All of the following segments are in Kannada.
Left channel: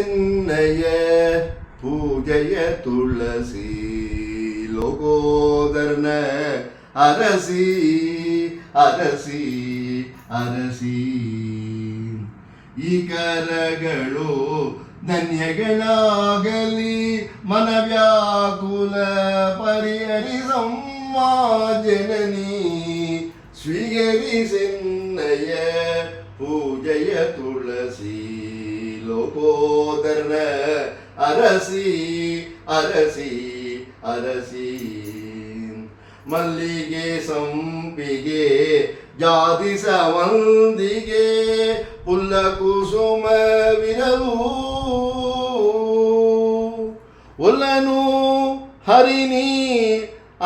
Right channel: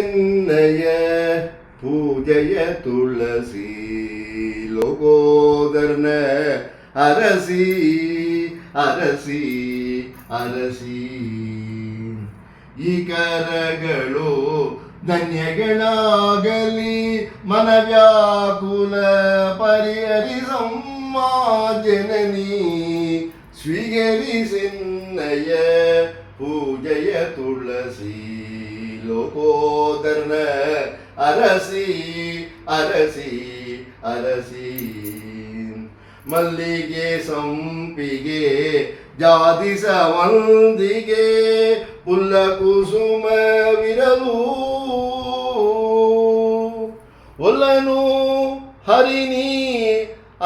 ನಿನ್ನಯ ಪೂಜೆಯ ತುಳಸಿ ಲೋಕೋದರ್ನ ಅರಸಿ ಅರಸಿ ಅರಸಿ ಈ ಕರಗಳು ಧನ್ಯಗಳಾಗಲಿ ಮನವ್ಯಾಕುಲ ಪರಿಹರಿಸಮ್ಮ ಜನನಿ ಸ್ವೀಕರಿಸಿನ್ನಯ ಪೂಜೆಯ ತುಳಸಿ ಲೋಕೋದರ್ನ ಅರಸಿ ಅರಸಿ ಅರಸಿ ಮಲ್ಲಿಗೆ ಸಂಪಿಗೆ ಜಾತಿ ಸವಂದಿಗೆ ಪುಲ್ಲ ಕುಸುಮವಿರಲು ಒಲ್ಲನು ಹರಿನಿ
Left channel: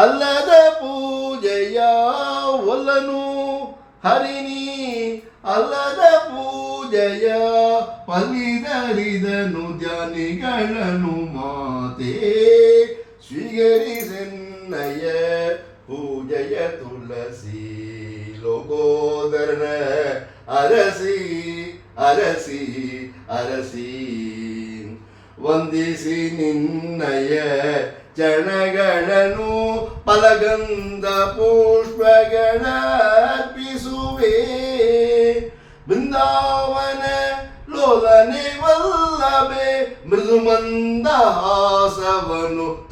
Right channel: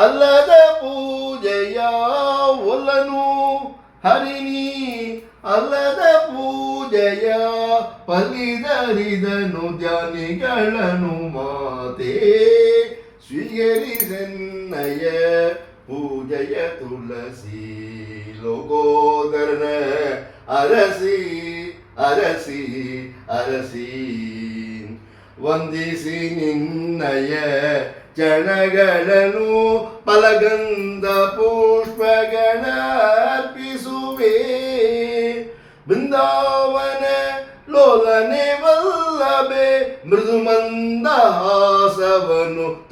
ಅಲ್ಲದ ಪೂಜೆಯ ಒಲ್ಲನು ಹರಿನಿ ಅಲ್ಲದ ಪೂಜೆಯ ಪಲಿದರಿದನು ಜ್ಞಾನಿಗಳನ್ನು ಮಾತೆ ಸ್ವೀಕರಿಸೆನ್ನಯ ಪೂಜೆಯ ತುಳಸಿ ಲೋಕೋದರ್ನ ಅರಸಿ ಅರಸಿ ಅರಸಿ ವಂದಿಸಿ ನಿನ್ನಯ ಚರಣಗಳನ್ನು ಫಲಗಂಧ ಪುಷ್ಪಗಳ ಅರ್ಪಿಸುವೆ ಬೃಂದಾವನ ಲೋಲನೆ ವಲ್ಲಭೆ ಮೃದು ಮಂದಹಾಸವನು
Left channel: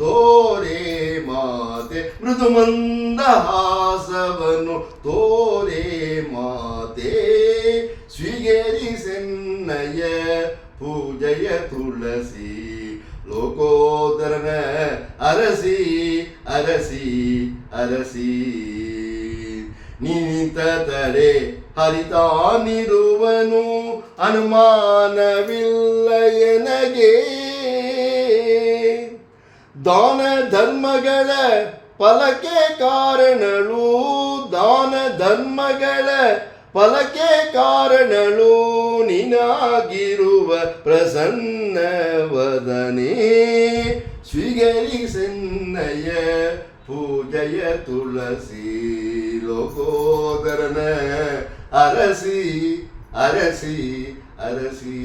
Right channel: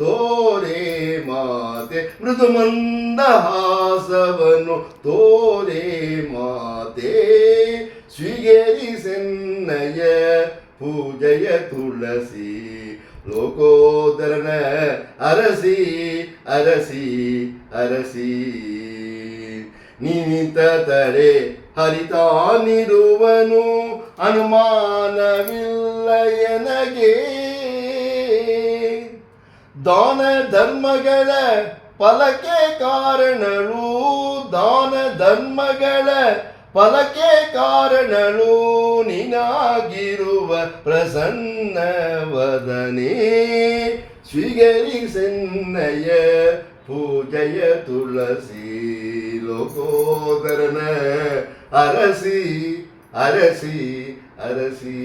ತೋರೆ ಮಾತೆ ಮೃದು ಮಂದಹಾಸವನು ತೋರೆ ಮಾತೆ ಸ್ವೀಕರಿಸೆನ್ನಯ ಪೂಜೆಯ ತುಳಸಿ ಲೋಕೋದರನ ಅರಸಿ ಅರಸಿ ಅರಸಿ ನಿಂತ ತಡೆ ಹರಿತಾನಿರುವನು ಅನುಮಾನವಿಲ್ಲ ಎನಗೆ ದಾನ ಧರ್ಮಗಳ ಫಲಕ್ಕೆ ಕಾರಣಳು ದಾನ ಧರ್ಮಗಳ ಫಲಕ್ಕೆ ಕಾರಣಳು ನಿನಾಗಿರುವ ಪ್ರಸನ್ನ ವದನೆ ಸ್ವೀಕರಿಸೆನ್ನಯ ಪೂಜೆಯ ತುಳಸಿ ಲೋಕೋದರನ ಅರಸಿ ಅರಸಿ ಅರಸಿ